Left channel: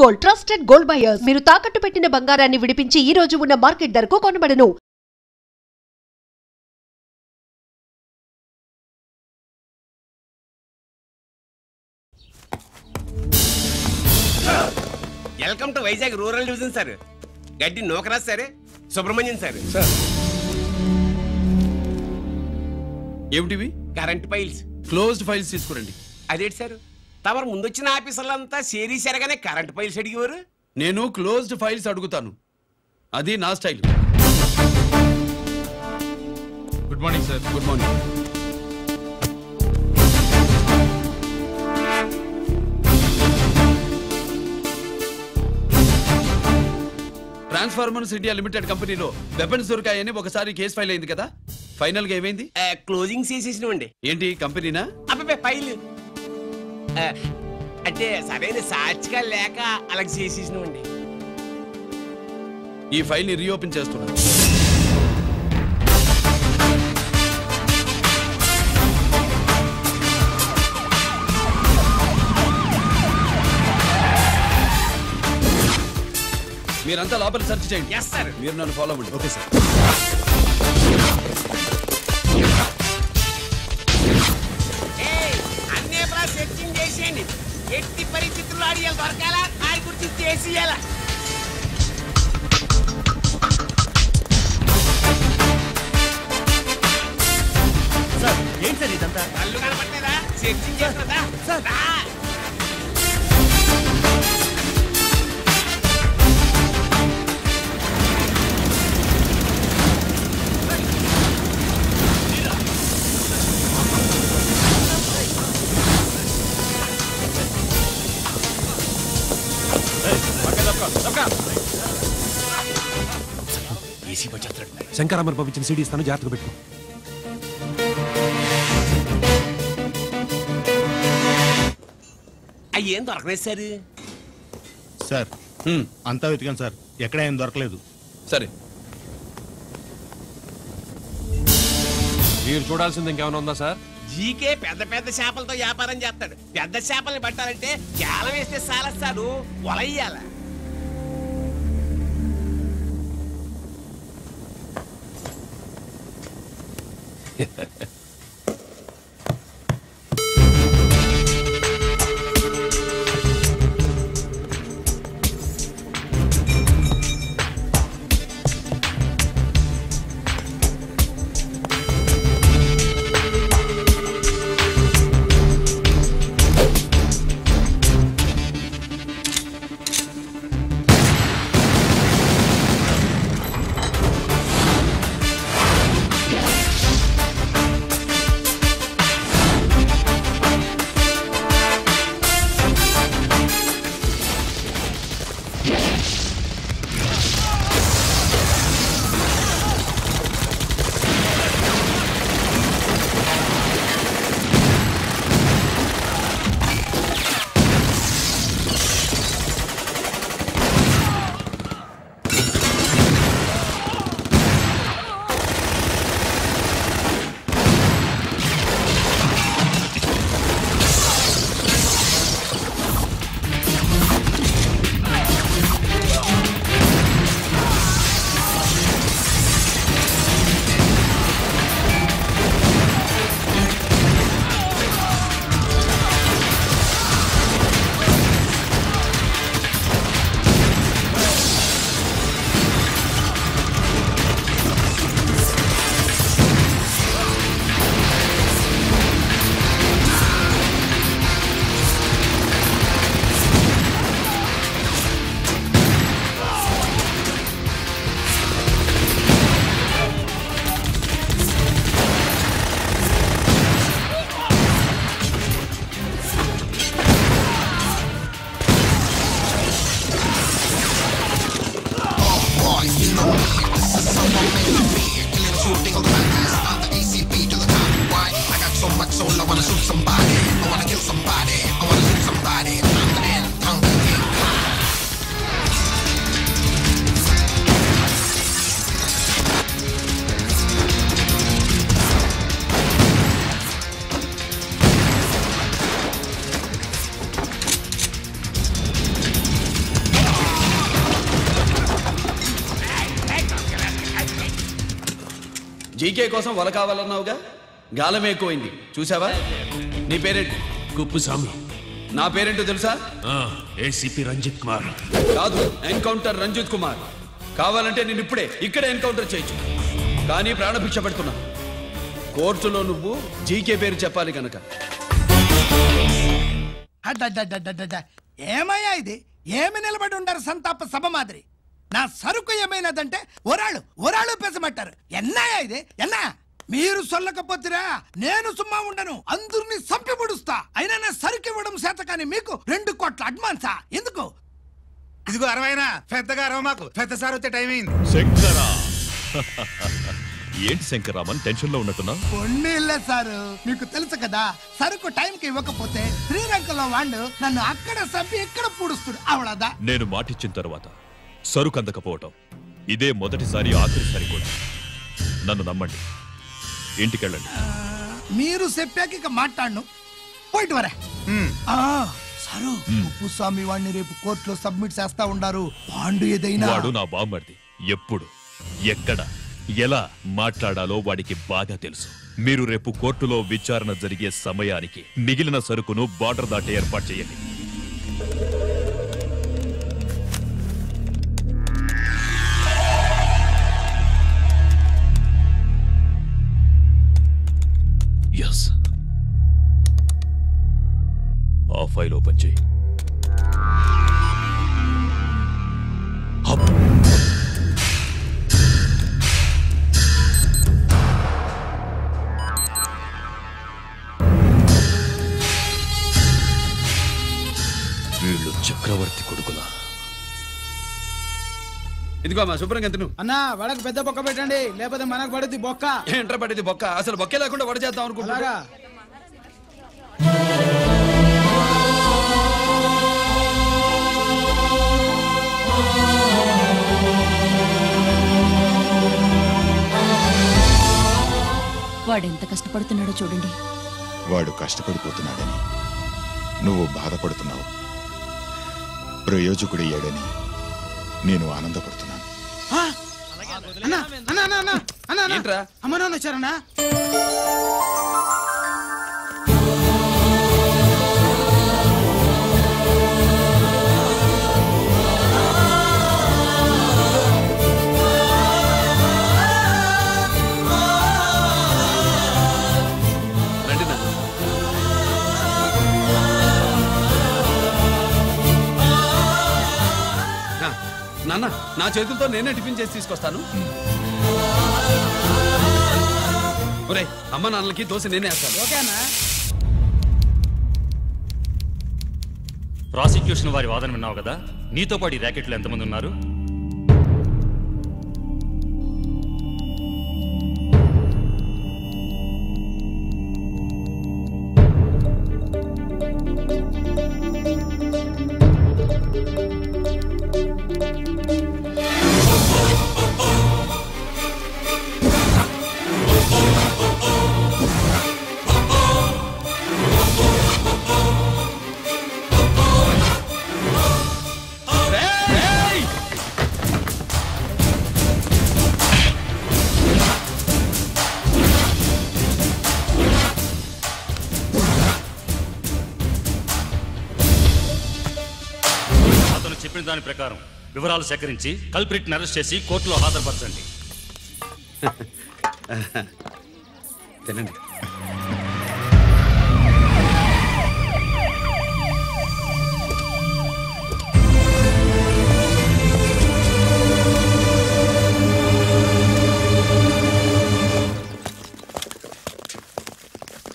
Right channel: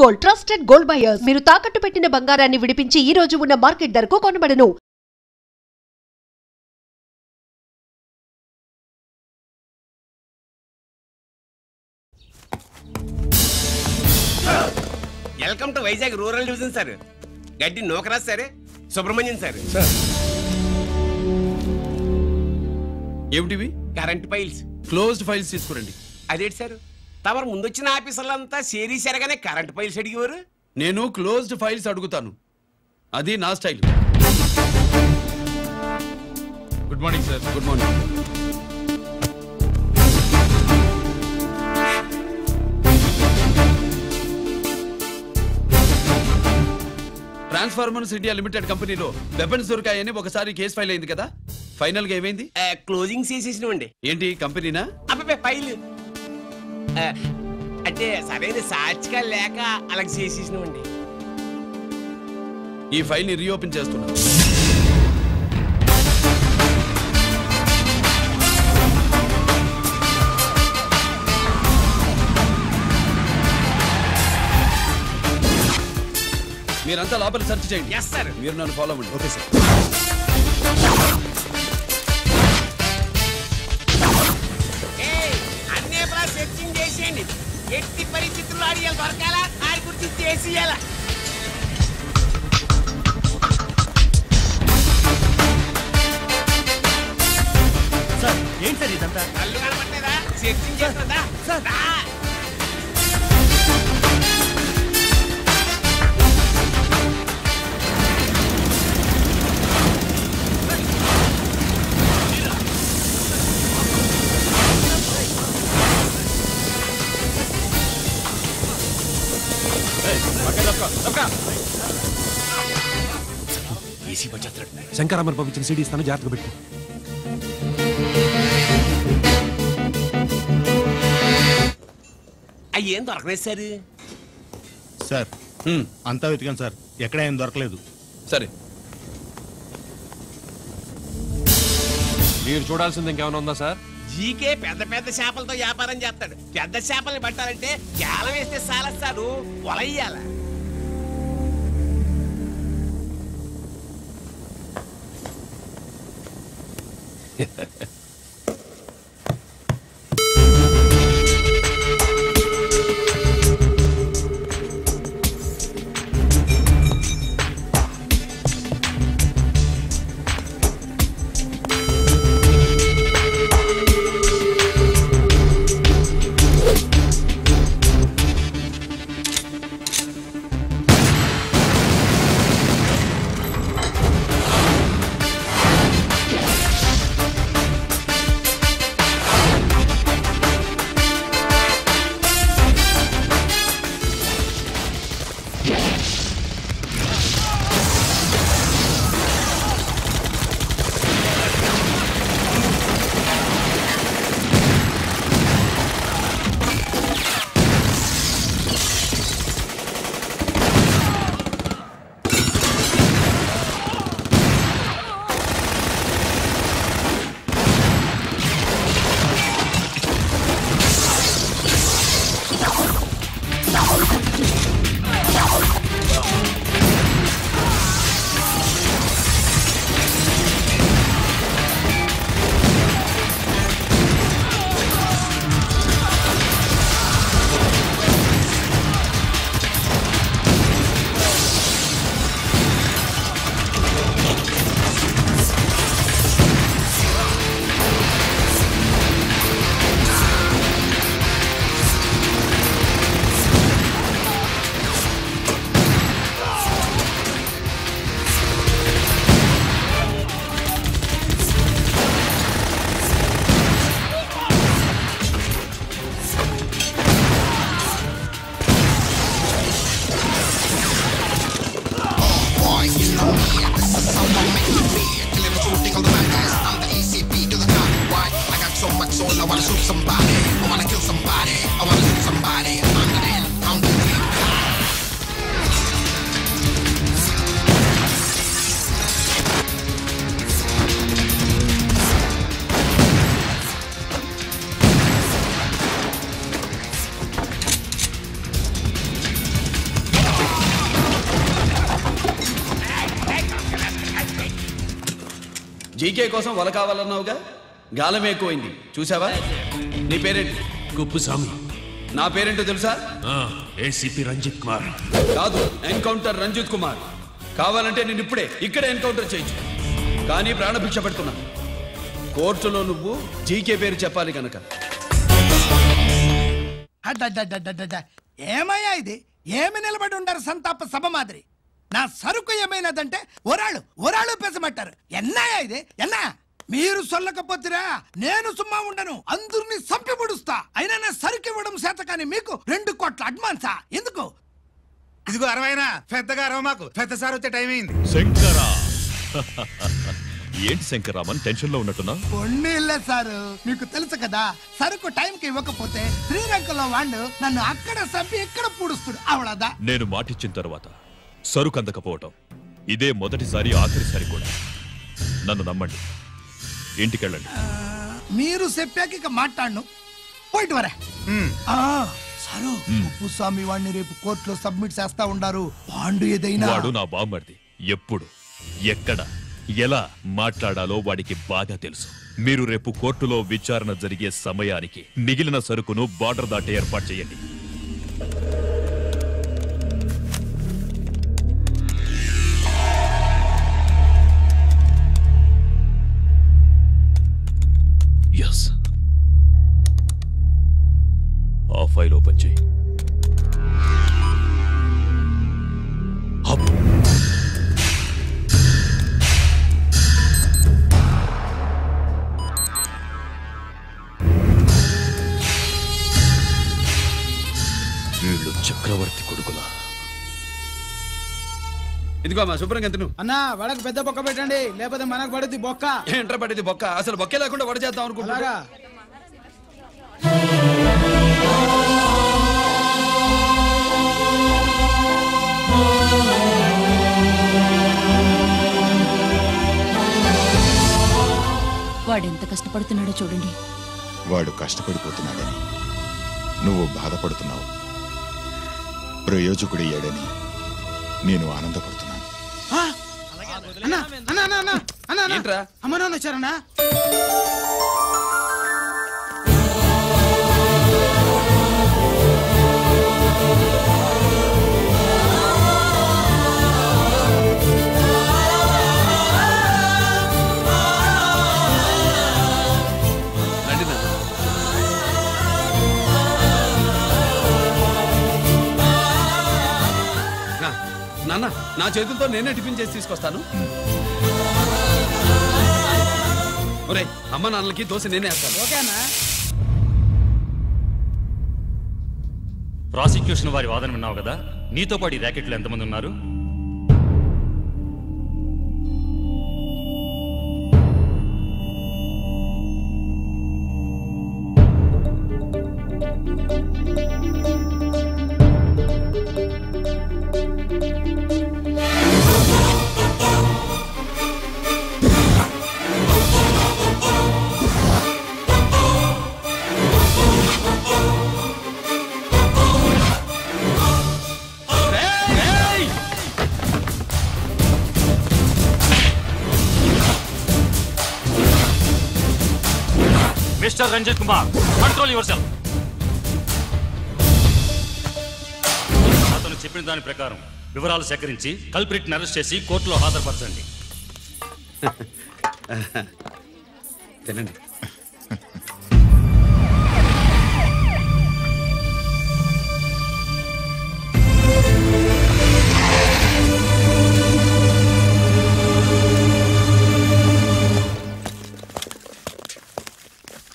Gold trusted gold buyers. మీరు తాకట్టు పెట్టిన బంగారాన్ని విడిపించి ఈ రోజు ఉన్న మార్కెట్ ధరకు కొనబడను. Welcome to Vizag rural division sir. గడ్డి నోకరాజ్ సార్, సుబ్రహ్మణ్యం సార్. ఏమిటివి? Current files. క్లోజ్డ్ ఫైల్స్ తీసుకురండి. అదేంటి సార్, తమరు ముందొచ్చిన ఆఫీసర్లంతా సేరీసారగానే కరెంట్ ఫైల్స్ అడిగేవారు. నేను క్లోజ్డ్ ఫైల్స్ అడుగుతాను, అది నా style. Good morning sir. Good morning. Transformers India limited కంపెనీలో వెపన్స్ దొరికాయని ఒకసారి కేసు ఫైల్ అయింది కదా, ఫైనల్ గా ఏమైంది? క్లోజింగ్ చేసేసినవండి. ఏంటి కంపెనీనా? అబ్బాయి ఫైల్ అంటే సరైన సాక్షిగా లేక అలా చేసేసినవండి. ఈ ఫైల్ ని రీఓపెన్ చేస్తున్నా. మీరంతా లోపల సెర్చ్ చేయండి. Yes sir. మీరు నన్ను ఫాలో అవ్వండి. Okay sir. అన్నే సెర్చింగ్ చేసేయండి. ఎట్టి పరిస్థితుల్లో అడిగాలి దొరకాలా, ఆడి గురించి చేసేయాలా. సార్ ఏంటి సార్ ఇదంతా? కళ్ళు కనపట్లేదా? సెర్చింగ్ చేస్తున్నదా సార్? ఏసీ వచ్చేస్తాడు. శంకరామర్ పంపించిన సీడీ ఇస్తాను, జాగ్రత్తగా పెట్టుకో. అయ్యేం దొరకలేదు సార్. సార్ అంతా వెతికాను సార్, ఎక్కడ ఏం దొరకలేదు. సరే, మీరు చూడాల్సింది ఇంకేమైనా ఉందా సార్? జీకే పెద్ద పెద్ద చేపలతో వ్యాపారం చేస్తాడు. పెద్ద చేపల్ని పట్టాలంటే కేలం వేస్తే చాలా సార్, వలయ్యాల. జీకే కోసం వల కావాలన్నావుగా, గాలం ఎక్కువైంది చూసావా? నీ పేరేంటి? కుప్పుస్వామి. నా పేరేంటో తెలుసా? ఏసీపీ రంజిత్ కుమార్. కాదు, ఎన్కౌంటర్ రంజిత్ కుమార్. కావాలంటే నేను ఇప్పుడే ఇక్కడే ఎన్కౌంటర్ చేయొచ్చు, కానీ ప్రాణభిక్ష పెడుతున్నా. కోర్టులో నువ్వు జీకే పేరు చెప్పాలి కనుక. ఏమయ్యా ఇది? ఏమి నిలబడి ఉండారు సంతాప సభ మాదిరి? నా సరుకు ఏమైనదంటే ఒరాళ్ళు పెసమట్టారు. ఎన్నాయా ఇది? ఎన్నా మీరు సొల్లకపోతురా నేను సుమ్మా ఉండను, అందరిని సంపి పొడుస్తా. అయినా నా సరుకు ఇవ్వడం చేత కానీ మీకు 2 కోట్ల అడ్వాన్సా? ఎందుకు? ఇదిగో 60 పెద్దగా అరవ, మాకు పెద్ద సార్ వచ్చే టైం అయింది. శంకరా ఏంటి శంకరామన్ టెన్షన్ లో ఉన్నట్టున్నా? కొన్నిళ్ళే సారు, మీకు తెలుసు కదా, సరుకు టైంకి ఇవ్వకపోతే శ్రీరంగంలో వాడు నన్ను అక్కడ సంపి ఇక్కడ పూడుస్తుడు. అవడదా? నేను మాటిచ్చిన తర్వాత సరుకు అందకపోవటం ఇదే మొదటిసారి, ఆఖరిసారి కూడా. నన్ను నమ్మండి, ఇంటికెళ్ళండి. మీరు చెప్పాక ఇక మాట్లాడను. పోయిట్ వరే. సారు, ఉప్పుస్వామి వాడిని రేపు కోర్టులో సబ్మిట్ చేస్తా ఉండారు. వాడు ఏదైనా వాడు నా బామ్మర్ది. ఎప్పుడు, ఎక్కడ, ఎలా మాట్లాడాలో వాడికి బాగా తెలుసు. మీరు రేపు కోర్టులో విచారణ జరిగే సమయానికి మిగిలిన సరుకును బార్డర్ దాటే ఏర్పాటు చేయండి. ఎస్, ఆ ఫైల్ ఓపెన్ చేయి. వీళ్ళు చక్రవర్తి కొడుకులా. ఇదిగో మా శుభ్రంగా ఎంత నువ్వు అన్నా వడకు పెద్ద బొక్క పెట్టండి, లేకపోతే మనకు పడుద్ది బొక్క. ఏంట్రా పడేది బొక్క? అసలు బొక్కే లేకుండా వడ చేద్దాం అనుకుంటున్నారా? వాడెంత కష్టపడుతున్నాడో చూడండి. వాడు కష్టపడిపోతున్నాడని నువ్వు బాధపడుతున్నావు, ప్రయోజకుడయ్యాడని నేను ఆనందపడుతున్నాను. అమ్మ నాన్న వచ్చారన్నా? రండి నాన్న. నాన్న, నా చేతులతో నేనే టిఫిన్ చేసి తీసుకొస్తాను. ఒరే, అమ్మ నాన్నలకి దోశ నేనే వేస్తాను. ఓకేనా? ప్రాసిక్యూషన్ వారి వాదన విన్నావు కదా. నీతో పాటు ఈ ర్యాకెట్లు ఎంతమంది ఉన్నారు? Mister Ranjit Kumar, control yourself. అతను చెప్పిన దాని ప్రకారం వివరాలు సేకరించి కల్ప్రిట్ అరెస్ట్ చేసి కోర్టులో హాజరుపరచండి. తినండి.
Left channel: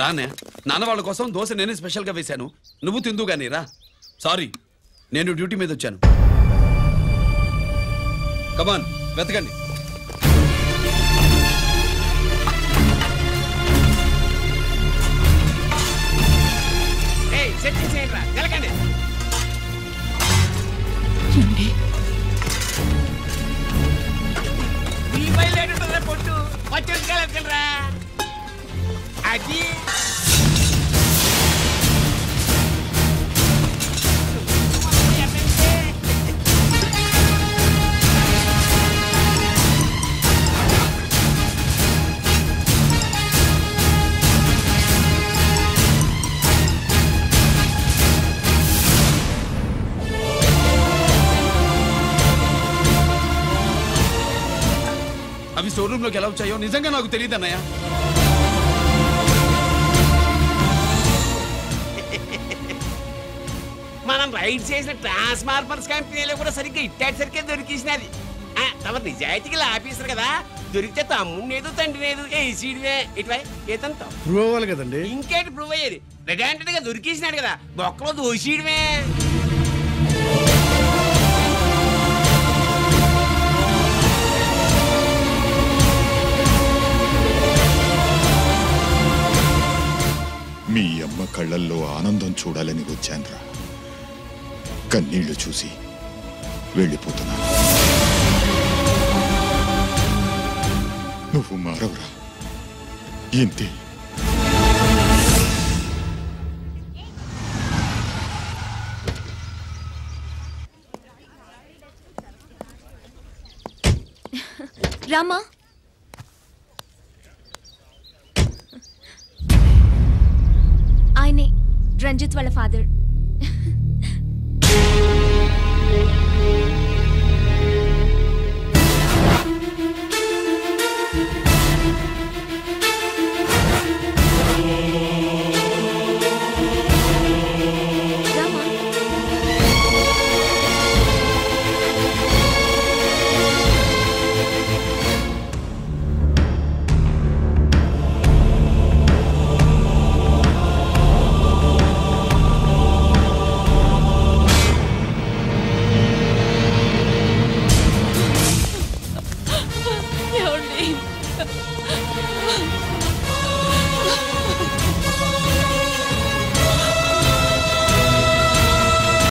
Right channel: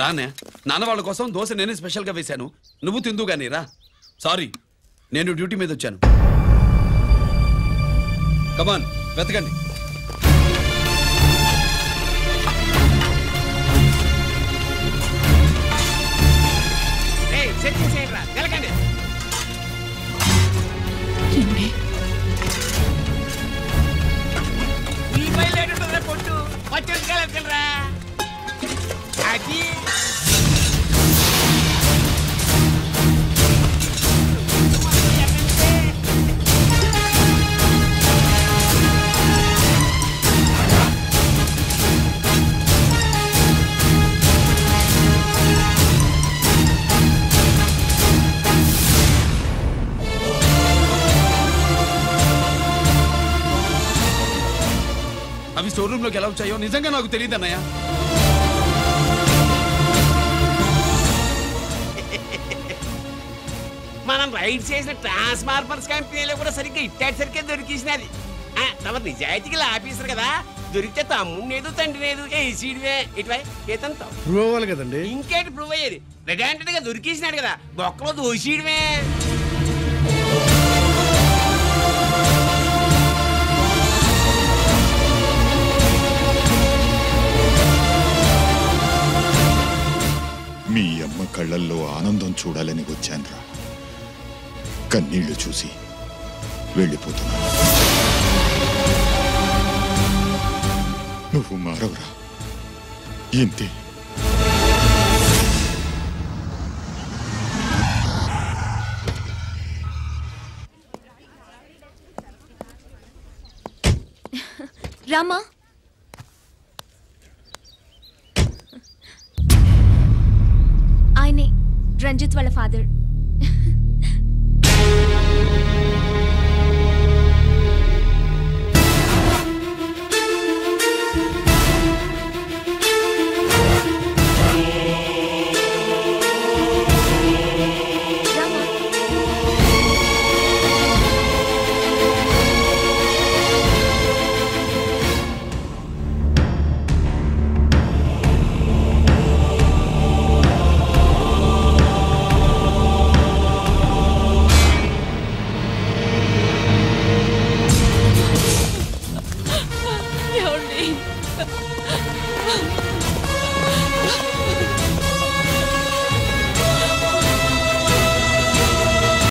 రానే, నాన్న వాళ్ళ కోసం దోశ నేనే స్పెషల్గా వేశాను, నువ్వు తిందు గానీ రా. సారీ, నేను డ్యూటీ మీద వచ్చాను. కమాన్, వెతకండి. సెట్టింగ్ చేయండి రా, నిలకండి. ఉల్లిపాయలు లేటుంటుందా పొట్టు? పచ్చిమిరపకాయలు అది అవి స్టోర్ రూమ్ లోకి ఎలా వచ్చాయో నిజంగా నాకు తెలియదు అన్నయ్య. మనం రైడ్ చేసిన ట్రాన్స్ఫార్మర్స్ కంపెనీలో కూడా సరిగ్గా ఇట్టాసరికే దొరికేసినది. తమ నిజాయితీగా ఆఫీసర్ కదా, దొరికితే తమ్ముడు తండ్రి లేదు ఏసీడివే ఇటువై ఏతంతో ప్రూవ్ అవ్వాలి కదండి. ఇంకేంటి ప్రూవ్ అయ్యేది? రెడ్ హ్యాండెడ్ గా దొరికేసినాడు కదా, బొక్కలో దోషీయడమే. మీ అమ్మ కళ్ళల్లో ఆనందం చూడాలని వచ్చాన్రా. కన్నీళ్లు చూసి వెళ్ళిపోతున్నాను. నువ్వు మారవురా, ఇంతే. రామా, ఆయనే రంజిత్ వాళ్ళ ఫాదర్. ఏమండి